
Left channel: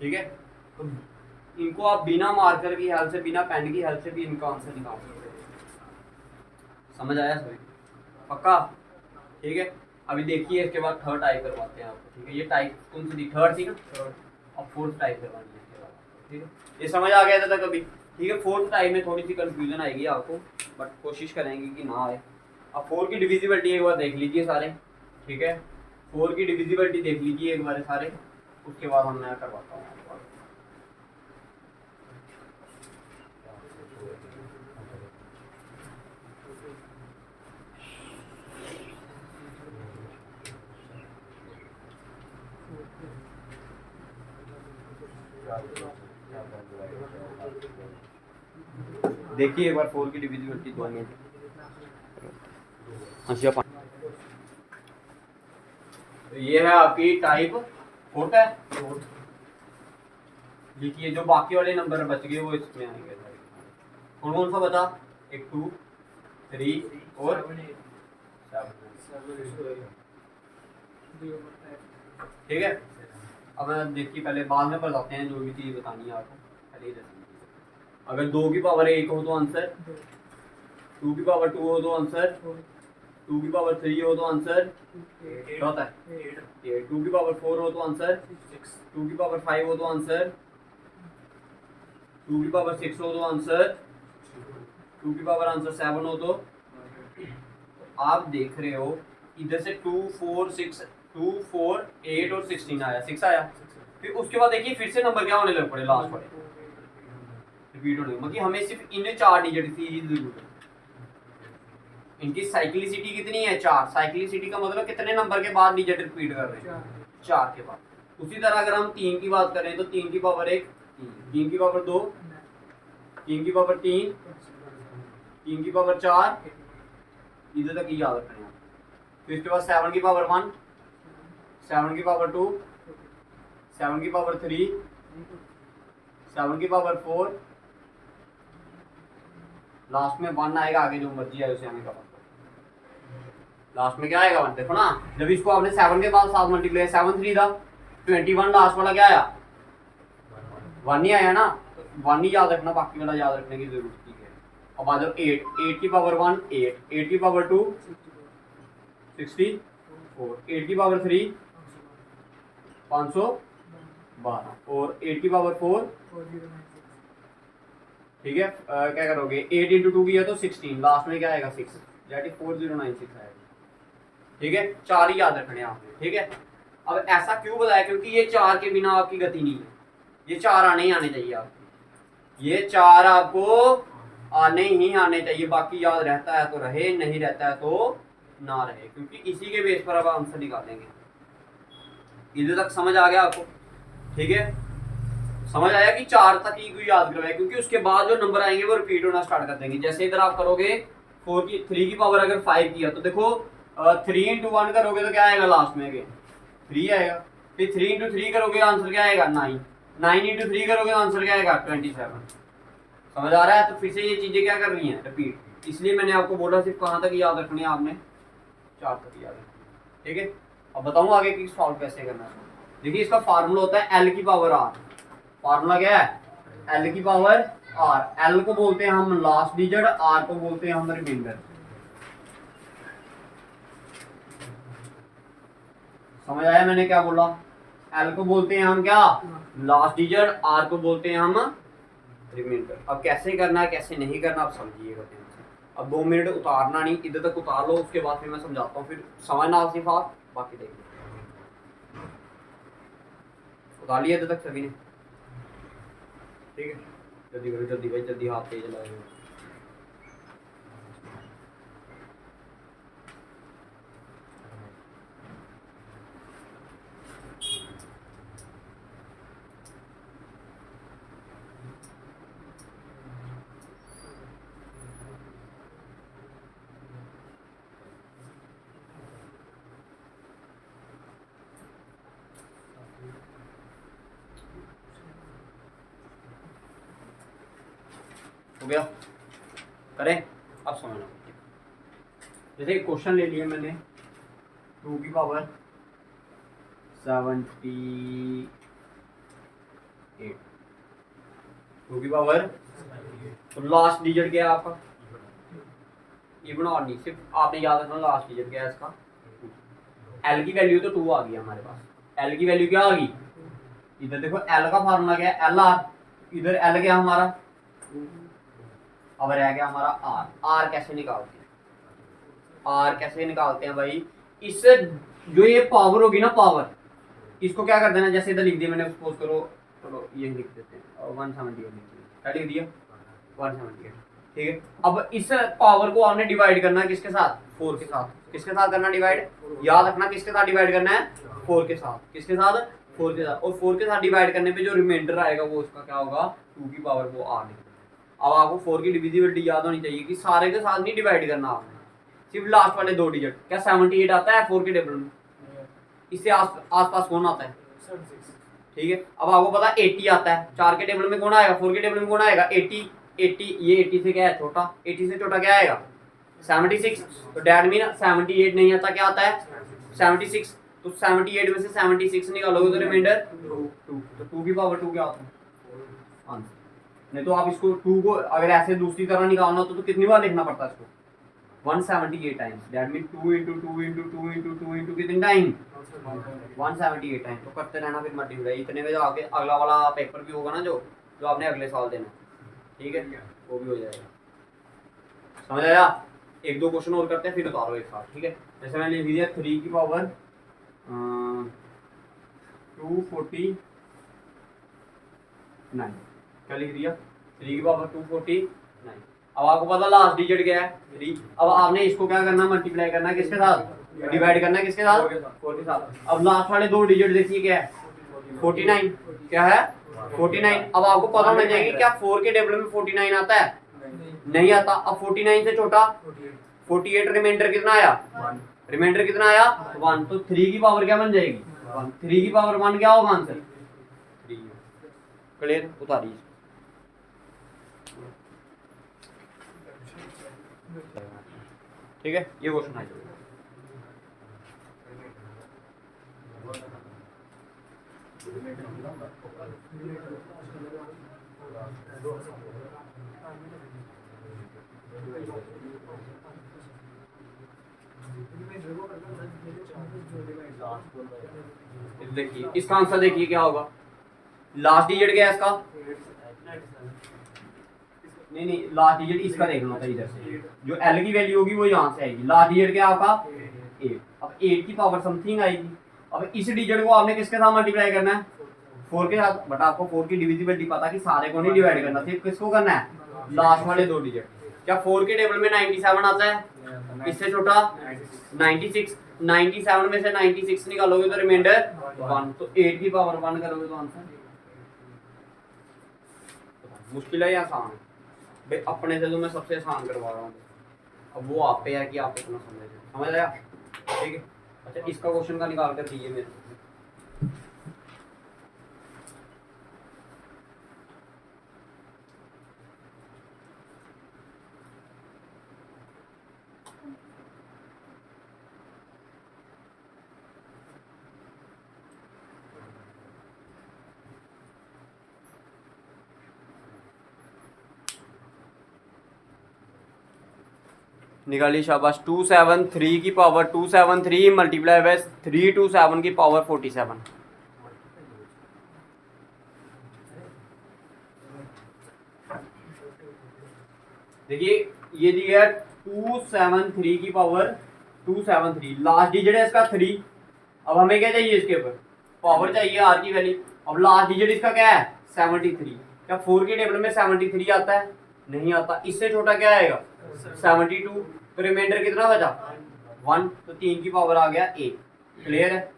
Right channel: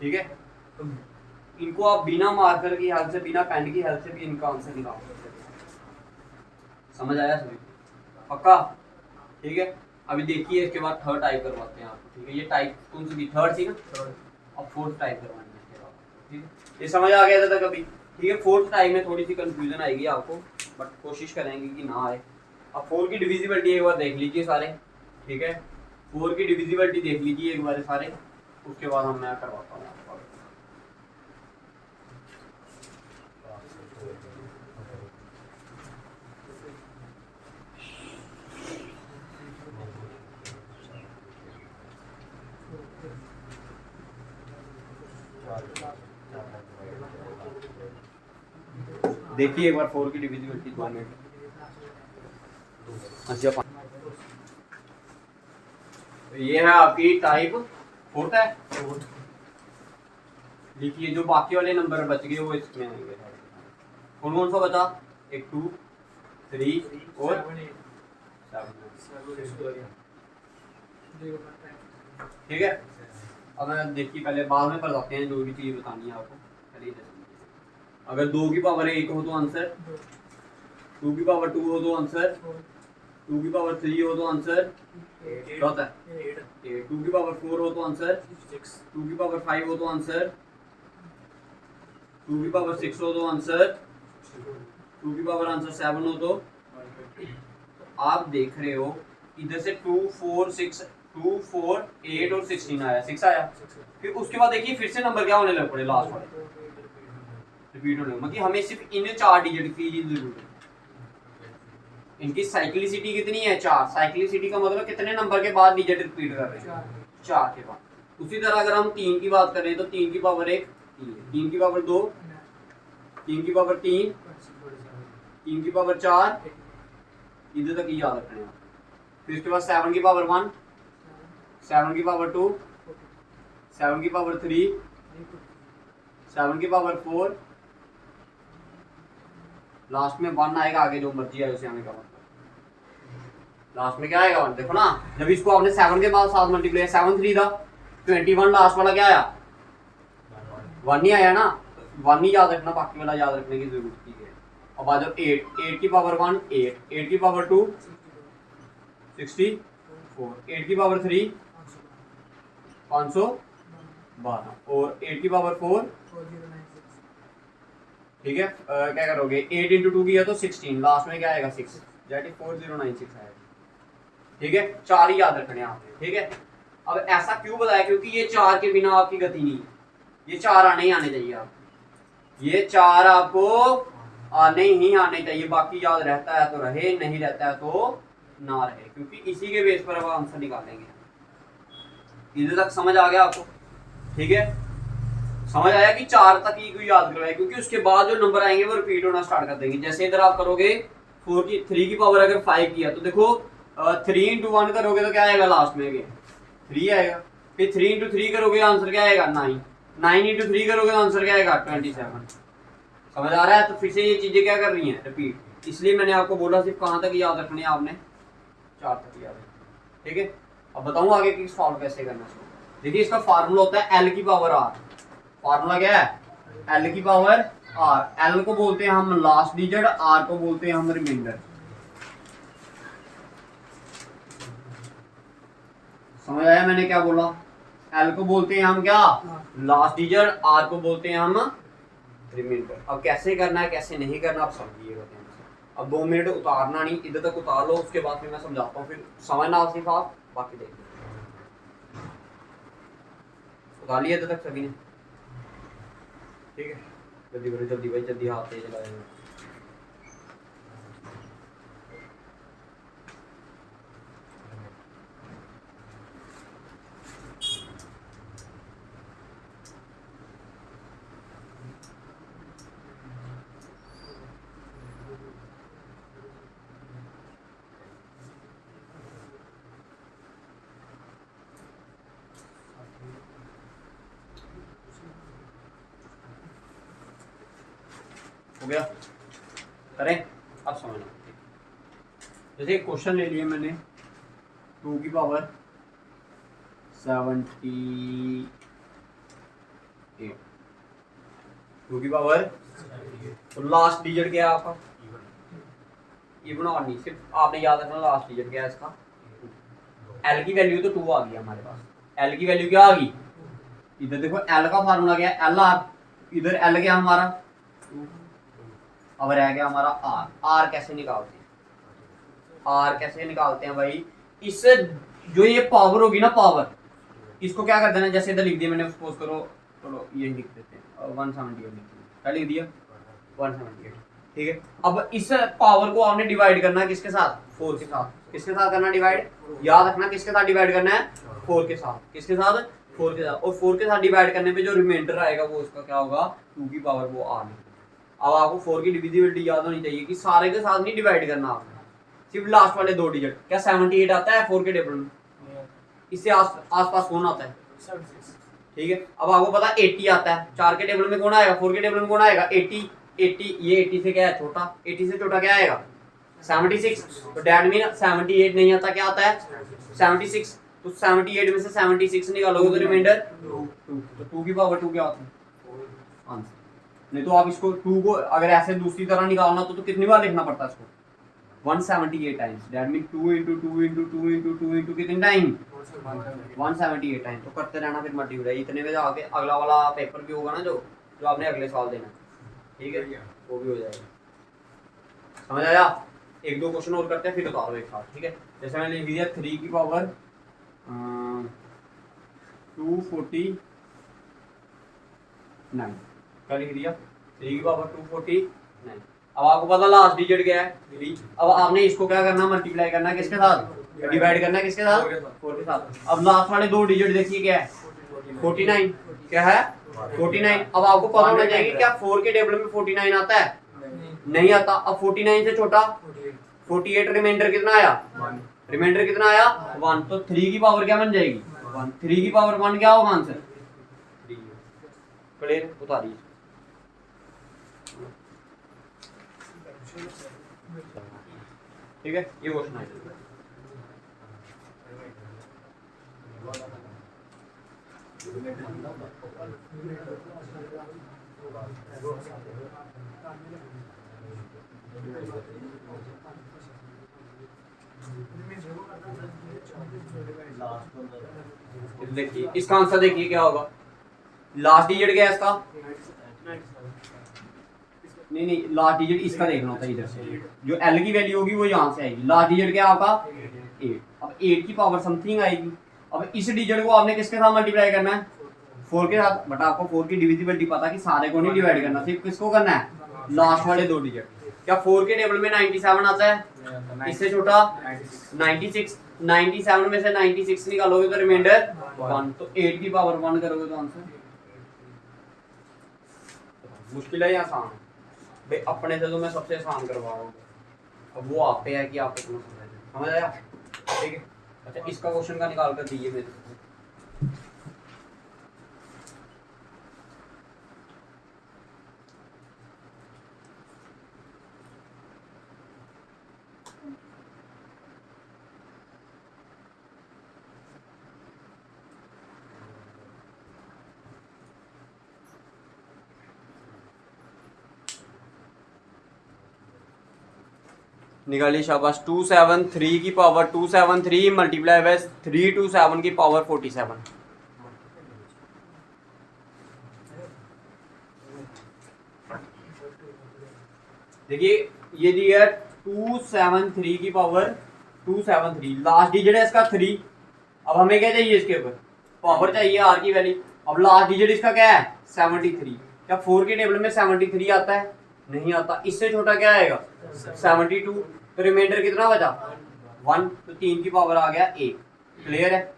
ठीक है, तो इनको आप बिना मार्कर की हेल्प से, बिना पेन की हेल्प से भी इनका आंसर निकाल सकते हैं। समझ आया सभी? पक्का? ठीक है, अभी देखिए इसके बाद थर्ड टाइप करवाते हैं आपको। ठीक है, ये टाइप कौन सी थी? थर्ड थी ना? अब फोर्थ टाइप करवानी है इसके बाद। ठीक है, ये समझ आ गया था कभी? ठीक है, फोर्थ टाइप में थोड़ी सी कंफ्यूजन आएगी आपको, बट कोशिश करेंगे कि ना आए। अब 4 की डिविजिबिलिटी एक बार देख लीजिए सारे। ठीक है, 4 की डिविजिबिलिटी देख लीजिए एक बार सारे, उसके बाद हम मैं करवाता हूँ आपको। देखिए एक बार 4 की डिविजिबिलिटी 2 मिनट। अच्छा, ये है आपकी टाइप फोर्थ है। देखिए जो बाकी वाले नंबर बच गए वो इसमें आएंगे। कौन कौन सा बचा? एक 2, 3 और 7। ठीक है, अब मैं देखिए पहले बाद में बताते हैं जो भी चीज़ बतानी है आपको। पहले अगर 2 की पावर 1 हो तो आंसर, 2 की पावर 2 हो तो आंसर, 2 की पावर 3 हो तो आंसर क्या होता है? 8। 2 की पावर 4 हो तो आंसर 6। 2 की पावर 5 हो तो आंसर, 2 की पावर 6 हो तो आंसर, 2 की पावर आंसर 7 हो तो आप देख रहे हो इधर से 2, 4, 6, 2, 4, 8 और 16 आया, 6 आया। फिर उसके बाद देखिए फिर से नंबर क्या होने लग पड़े, लास्ट वाले रिपीट होने लगे। मतलब हमें सिर्फ इन 4 डिजिट की जरूरत है। इनकी साइक्लिसिटी कितनी है? 4। साइक्लिसिटी का मतलब कितने नंबर के बाद डिजिट रिपीट कर रहे हैं? 4 के बाद। उसी तरह अगर हम 3 की बात करें तो 3 की पावर 1, 3 की पावर 2, 3 की पावर 3, 3 की पावर 4, इधर तक ही याद रखना है। फिर उसके बाद 7 की पावर 1, 7 की पावर 2, 7 की पावर 3, 7 की पावर 4, लास्ट में 1 आएगा, आगे जो मर्जी आए उसे हमें कवर। लास्ट में क्या आएगा 1, देखो ना, जब इसको आपने 7 के बाद 7 मल्टीप्लाई, 7 3 था 21, लास्ट वाला क्या आया 1 ही आया ना, 1 ही याद रखना, बाकी वाला याद रखने की जरूरत नहीं है। अब आ जाओ 8 की पावर 1 8, 8 की पावर 2 64, 8 की पावर 3 512 और 8 की पावर 4, ठीक है। क्या करोगे 8 इंटू 2 किया तो 16, लास्ट में क्या आएगा 6, दैट इज 4096 आएगा, ठीक है। 4 ही याद रखने आपने, ठीक है। अब ऐसा क्यों बताया, क्योंकि ये 4 के बिना आपकी गति नहीं है, ये 4 आने ही आने चाहिए आपको, ये 4 आपको आने ही आने चाहिए, बाकी याद रहता है तो रहे, नहीं रहता है तो ना रहे, क्योंकि इसी के बेस पर अब आंसर निकालेंगे। इधर तक समझ आ गया आपको, ठीक है। समझ आया कि 4 तक ही कोई याद करवाए, क्योंकि उसके बाद जो नंबर आएंगे वो रिपीट होना स्टार्ट कर देंगे। जैसे इधर आप करोगे 3 की पावर अगर 5 किया तो देखो 3 इंटू 1 करोगे तो क्या आएगा लास्ट में, 3 आएगा। फिर 3 इंटू 3 करोगे आंसर क्या आएगा 9, 9 इंटू 3 करोगे तो आंसर क्या आएगा 27। समझ आ रहा है। तो फिर से ये चीजें क्या कर रही हैं रिपीट, इसलिए मैंने आपको बोला सिर्फ कहाँ तक याद रखने हैं आपने, 4 तक याद रखना, ठीक है। अब बताऊँ आगे कि सॉल्व कैसे करना है। देखिए इसका फार्मूला होता है एल की पावर आर, फार्मूला क्या है एल की पावर आर, एल को बोलते हैं हम लास्ट डिजिट, आर को बोलते हैं हम रिमाइंडर। समझ आया मैंने क्या बोला, एल को बोलते हैं हम क्या लास्ट डिजिट, आर को बोलते हैं हम रिमाइंडर। अब कैसे करना है कैसे नहीं करना आप समझिएगा। अब 2 मिनट उतारना नहीं, इधर तक उतार लो, उसके बाद फिर मैं समझाता हूँ, फिर समझना सिर्फ आप, बाकी देखिए। उतार लिया इधर तक सभी ने, ठीक है। जल्दी करो जल्दी भाई, जल्दी हाथ तेज लगाए। हो गया, करें अब समझना। जैसे क्वेश्चन ले लिया मैंने 2 की पावर 78, 2 की पावर, तो लास्ट डिजिट क्या है आपका इवन और नहीं, सिर्फ आपने याद रखना लास्ट डिजिट क्या है इसका। एल की वैल्यू तो 2 आ गई हमारे पास, एल की वैल्यू क्या आ गई, इधर देखो एल का फार्मूला क्या है एल आर, इधर एल क्या हमारा, अब रह गया हमारा आर। आर कैसे निकालते हैं, आर कैसे निकालते हैं भाई, इससे जो ये पावर होगी ना पावर, इसको क्या कर देना, जैसे इधर लिख दिया मैंने, सपोज करो चलो ये लिख देते हैं 178 क्या लिख दिया 178, ठीक है। अब इस पावर को आपने डिवाइड करना है किसके साथ 4 के साथ, किसके साथ करना डिवाइड, याद रखना किसके साथ डिवाइड करना है 4 के साथ, किसके साथ 4 के साथ। और 4 के साथ डिवाइड करने पे जो रिमाइंडर आएगा वो उसका क्या होगा 2 की पावर वो आर। अब आपको 4 की डिविजिबिलिटी याद होनी चाहिए कि सारे के साथ नहीं डिवाइड करना आपने, सिर्फ लास्ट वाले 2 डिजिट। क्या 78 आता है 4 के टेबल में, इससे आसपास कौन आता है, ठीक है। अब आपको पता 80 आता है, 4 के टेबल में कौन आएगा 4 के टेबल में कौन आएगा 80, 80 ये 80 से क्या है छोटा, 80 से छोटा क्या आएगा 76, तो डैट मीन 78 नहीं आता, क्या आता है 76, तो 78 में से 76 निकालोगे तो रिमाइंडर 2, तो 2 की पावर 2 क्या होता है आंसर। नहीं तो आप इसको 2 को अगर ऐसे दूसरी तरह निकालना तो कितनी बार लिखना पड़ता है इसको 178 times, that mean 2 into 2 into 2 into 2 into कितने टाइम 178 टाइम। तो करते रहना फिर मल्टीप्लाई, इतने में जाके अगला वाला पेपर भी होगा ना जो आपने अगले साल देना, ठीक है, वो भी हो जाएगा। समझ आया। 1-2 क्वेश्चन और करते हैं फिर उतारो एक साथ, ठीक है। जैसे मैंने लिख दिया 3 की पावर 249, क्या लिख दिया 3 की पावर 249। अब आपको पता लास्ट डिजिट क्या है 3, अब आपने इसको क्या करना मल्टीप्लाई करना है किसके साथ, डिवाइड करना है किसके साथ 4 के साथ। अब लास्ट वाले 2 डिजिट देखिए क्या है 49, क्या है 49। अब आपको पता होना चाहिए क्या 4 के टेबल में 49 आता है, नहीं आता। अब 49 से छोटा 48, रिमाइंडर कितना आया, रिमाइंडर कितना आया 1, तो 3 की पावर क्या बन जाएगी 1, 3 की पावर 1 क्या होगा आंसर 3। क्लियर, उतारिए। ठीक है, ये क्वेश्चन है। देखिए इसका आंसर देखिए क्या होगा, लास्ट डिजिट क्या है इसका, नहीं लास्ट डिजिट इसका देख लो था इधर से, जो एल की वैल्यू होगी वो यहाँ से आएगी, लास्ट डिजिट क्या आपका 8, अब 8 की पावर समथिंग आएगी। अब इस डिजिट को आपने किसके साथ मल्टीप्लाई करना है, 4 के साथ, बट आपको 4 की डिविजिबिलिटी पता कि सारे को नहीं डिवाइड करना, सिर्फ किसको करना है, लास्ट वाले 2 डिजिट। क्या 4 के टेबल में 97 आता है, इससे छोटा 96, 97 में से 96 निकालोगे तो रिमाइंडर 1, तो 8 की पावर 1 करोगे तो आंसर, मुश्किल है या आसान है भाई, अपने से तो मैं सबसे आसान करवा रहा हूँ, अब वो आप पे है कि आप कितना समझ आया, ठीक है। अच्छा इसका क्वेश्चन का निकाल कर दीजिए मेरे से। निकालिए शाबाश, 273 की पावर 273 मल्टीप्लाई बाय 327 की पावर 47। देखिए ये दिया 273 की पावर 273, लास्ट डिजिट है इसका 3, अब हमें क्या चाहिए इसके ऊपर, पावर चाहिए आर की वैल्यू, अब लास्ट डिजिट इसका क्या है 73, क्या 4 के टेबल में 73 आता है, नहीं आता, इससे छोटा क्या आएगा 72, तो रिमाइंडर कितना बचा 1, तो 3 की पावर आ गया 1, क्लियर है,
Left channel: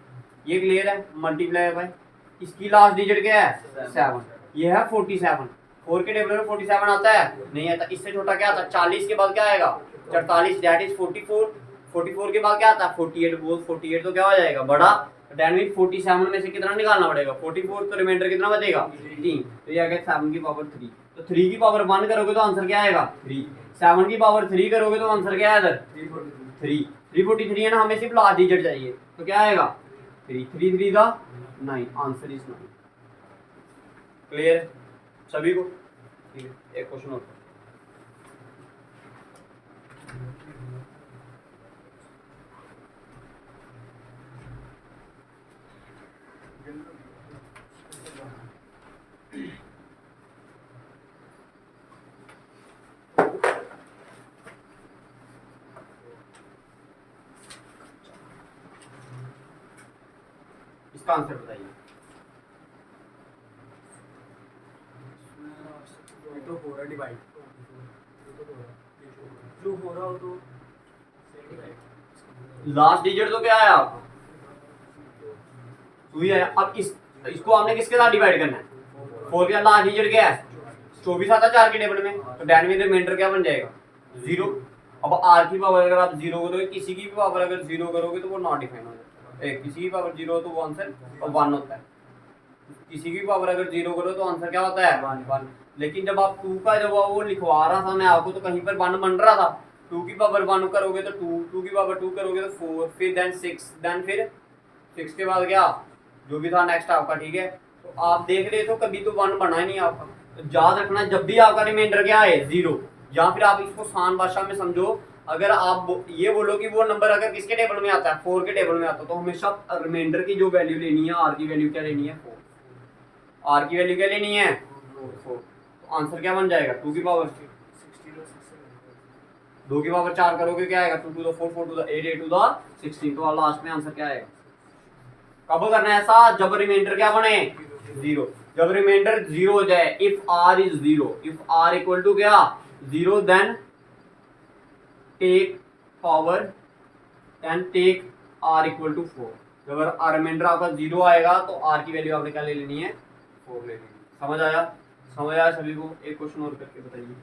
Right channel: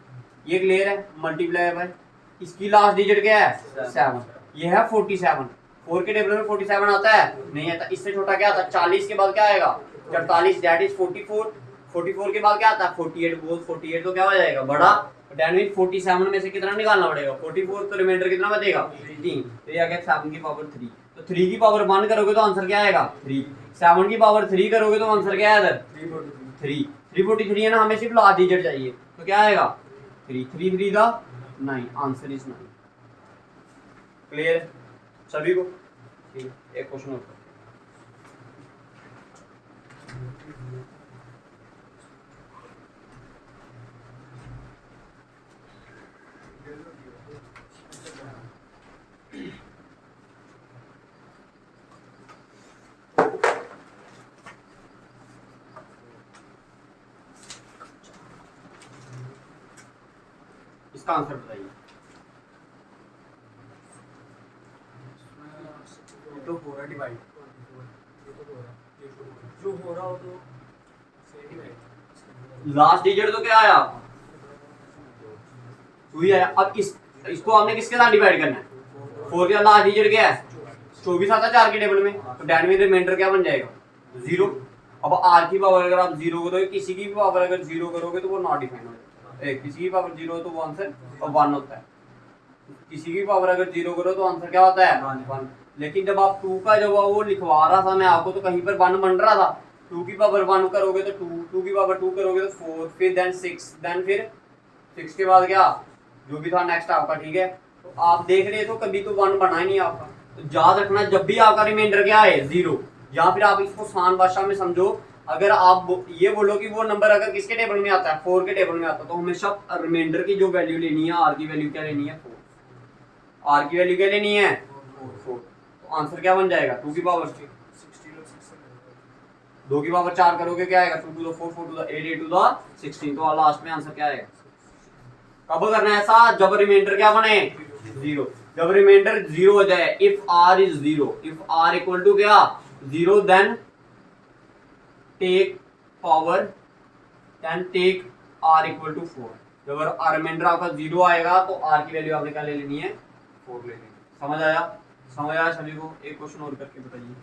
ये क्लियर है, मल्टीप्लाई बाय इसकी लास्ट डिजिट क्या है 7, ये है 47, 4 के टेबल में 47 आता है, नहीं आता, इससे छोटा क्या आता है 40 के बाद क्या आएगा 44, दैट इज 44, 44 के बाद क्या आता है 48, बोल 48 तो क्या हो जाएगा बड़ा, दैट मीन 47 में से कितना निकालना पड़ेगा 44, तो रिमाइंडर कितना बचेगा 3, तो ये आ गया 7 की पावर 3, तो 3 की पावर 1 करोगे तो आंसर क्या आएगा 3, 7 की पावर 3 करोगे तो आंसर क्या है इधर 343 है ना, हमें सिर्फ लास्ट डिजिट चाहिए, तो क्या आएगा 3, 3 3 का 9, आंसर इज 9, क्लियर है सभी को, ठीक है। एक क्वेश्चन और, इसका आंसर बताइए। तो हो रहा डिवाइड, जो हो रहा हो तो लास्ट डिजिट तो क्या आया आपका 2 ही आया, अब इसको आपने किसके साथ डिवाइड करना है, 4 का लास्ट डिजिट क्या है 24 आता है 4 के टेबल में, तो दैट मीन रिमाइंडर क्या बन जाएगा 0, अब आर की पावर अगर आप 0 करोगे, किसी की भी पावर अगर 0 करोगे तो वो नॉट डिफाइन हो जाता है, किसी की पावर 0 हो तो वो आंसर 1 होता है, किसी की पावर अगर 0 करो तो आंसर क्या होता है 1, लेकिन जब आप 2 का जब वो लिखवा रहा था मैं आपको, तो कहीं पर 1 बन रहा था, 2 की पावर 1 करोगे तो 2, 2 की पावर 2 करोगे तो 4, फिर देन 6, देन फिर 6 के बाद क्या जो भी था नेक्स्ट आपका, ठीक है। तो आप देख रहे तो कभी तो 1 बना ही नहीं आपका, तो याद रखना जब भी आपका रिमाइंडर क्या है 0, या फिर आप इसको आसान भाषा में समझो, अगर आप ये बोलो कि वो नंबर अगर किसके टेबल में आता है 4 के टेबल में आता है, तो हमेशा रिमाइंडर की जो वैल्यू लेनी है, आर की वैल्यू क्या लेनी है 4, आर की वैल्यू क्या लेनी है 4, तो आंसर क्या बन जाएगा 2 की पावर 2 की पावर 4 करोगे क्या आएगा 2 to the 4, 4 to the 8, 8 to the 16, तो लास्ट में आंसर क्या आएगा, कब करना है ऐसा जब रिमाइंडर क्या बने 0, जब रिमाइंडर 0 हो जाए, if r is 0, if r equal to क्या 0, then take power, then take r equal to 4, जब अगर रिमाइंडर आपका 0 आएगा तो r की वैल्यू आपने क्या ले लेनी है 4 ले लेनी है, समझ आया, समझ आया सभी को। एक क्वेश्चन और करके बताइए।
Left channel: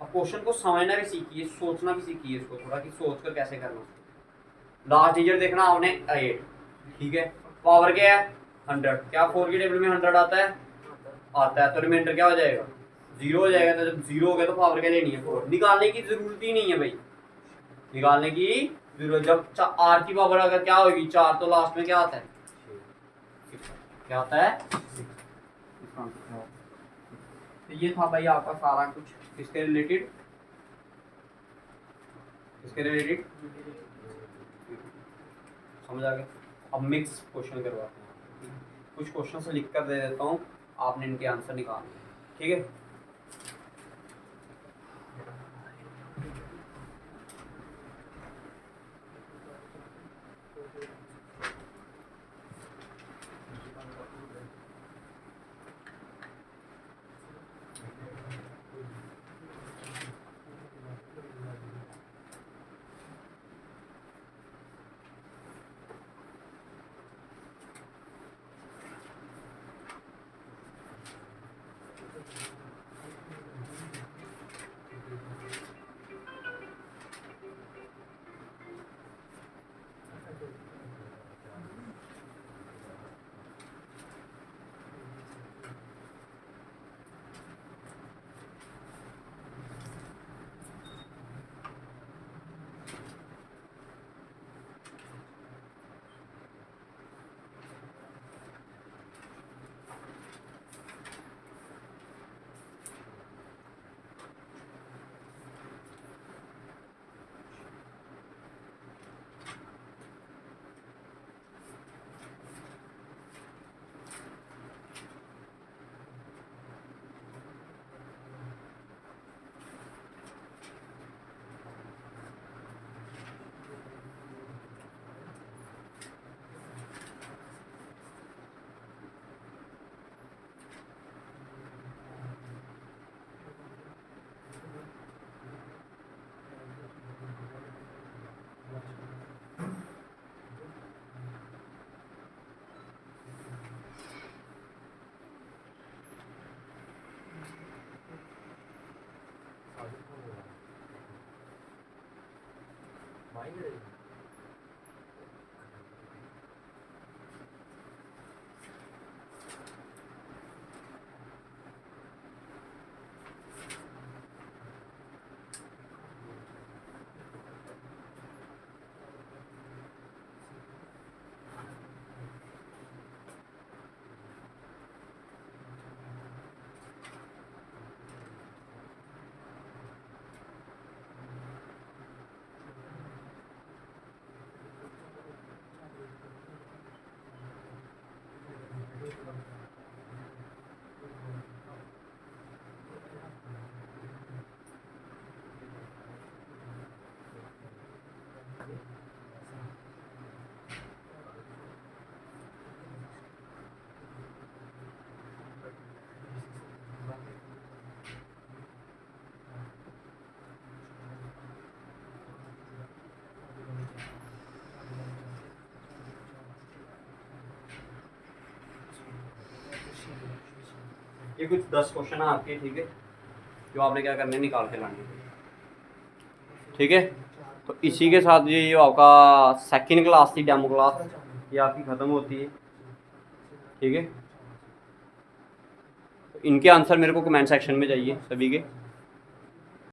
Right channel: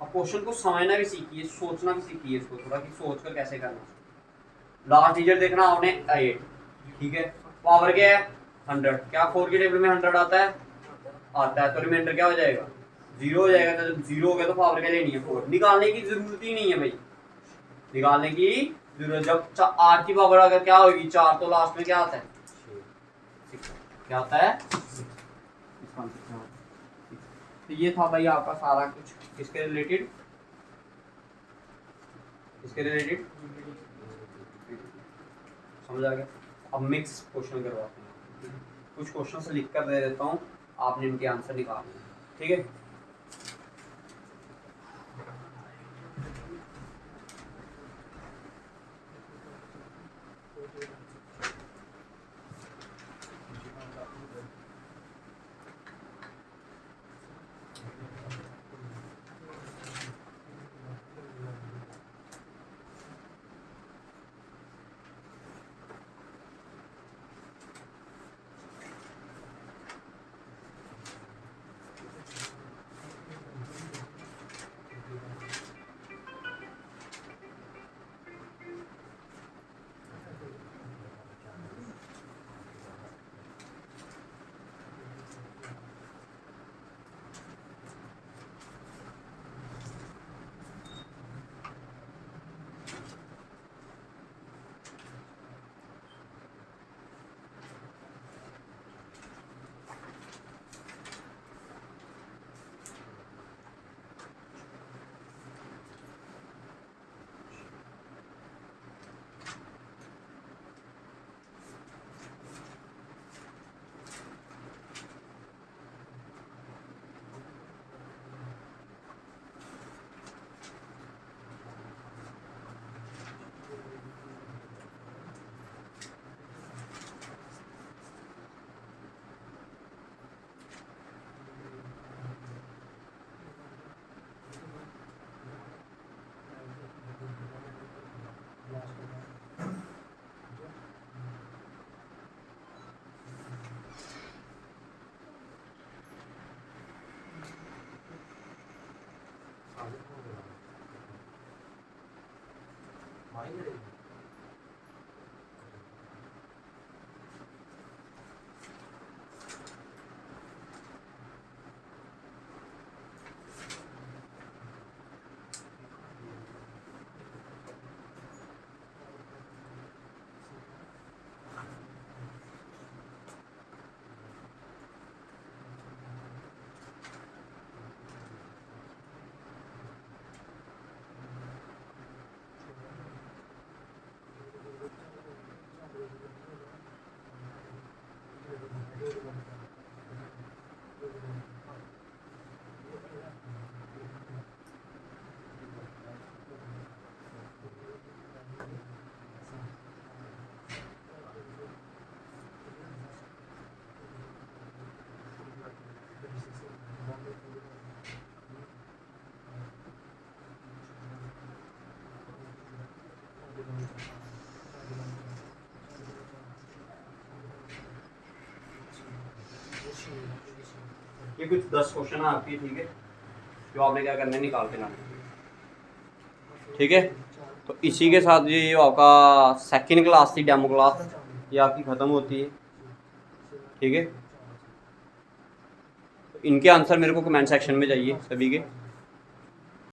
अब क्वेश्चन को समझना भी सीखिए, सोचना भी सीखिए इसको थोड़ा कि सोचकर कैसे करना। लास्ट डिजिट देखना आपने 8, ठीक है, पावर क्या है 100, क्या 4 के टेबल में 100 आता है, आता है तो रिमाइंडर क्या हो जाएगा, 0 हो जाएगा। तो जब 0 हो गया तो पावर क्या लेनी है, 4। निकालने की जरूरत ही नहीं है भाई, निकालने की जरूरत। जब 8 की पावर अगर क्या होगी 4, तो लास्ट में क्या आता है, क्या आता है, तो ये था भाई आपका सारा कुछ किसके रिलेटेड, किसके रिलेटेड, समझ आ गया। अब मिक्स क्वेश्चन करवाते हैं, कुछ क्वेश्चन से लिख कर दे देता हूँ, आपने इनके आंसर निकालने हैं, ठीक है। ये कुछ 10 क्वेश्चन है आपके, ठीक है, जो आपने क्या करना है, निकाल के लाने, ठीक है। तो इसी के साथ ये आपका सेकंड क्लास थी, डेमो क्लास, ये आपकी ख़त्म होती है, ठीक है। इनके आंसर मेरे को कमेंट सेक्शन में चाहिए सभी के।